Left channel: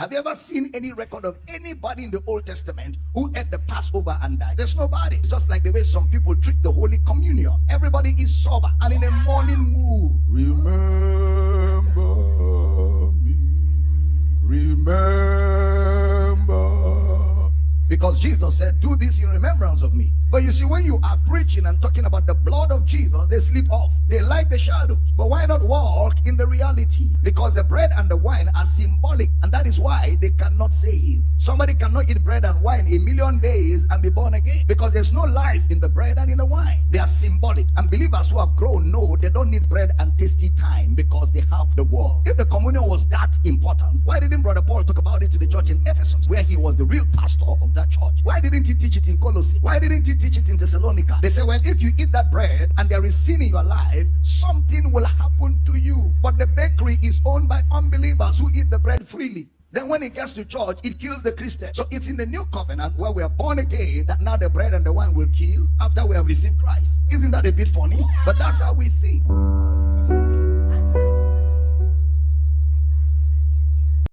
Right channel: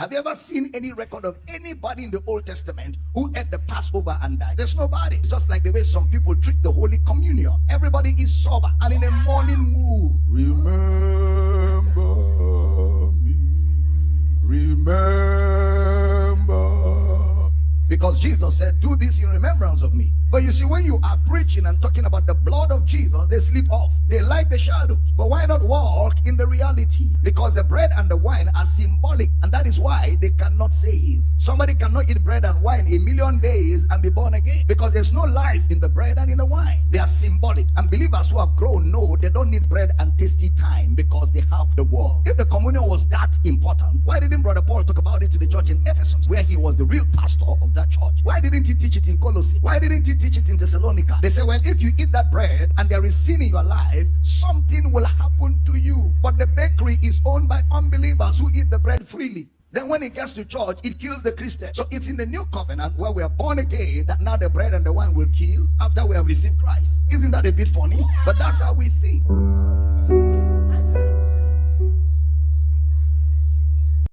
Have you ever seen any record of anybody in the Old Testament who ate the Passover and died? There's nobody. It's just like the way some people treat the Holy Communion. Everybody is sober and in a morning mood. Remember me. Remember. Because Jesus said, do this in remembrance of me. But you see, when you are preaching and talking about the blood of Jesus, they sleep off. They like the shadows. But why not walk in the reality? Because the bread and the wine are symbolic, and that is why they cannot save. Somebody cannot eat bread and wine a million days and be born again, because there's no life in the bread and in the wine. They are symbolic. And believers who have grown know they don't need bread and tasty time because they have the word. If the communion was that important, why didn't Brother Paul talk about it to the church in Ephesus, where he was the real pastor of that church? Why didn't he teach it in Colossae? Why didn't he teach it in Thessalonica? They say, well, if you eat that bread and there is sin in your life, something will happen to you. But the bakery is owned by unbelievers who eat the bread freely. Then when it gets to church, it kills the Christian. So it's in the new covenant where we are born again that now the bread and the wine will kill after we have received Christ. Isn't that a bit funny? But that's how we think.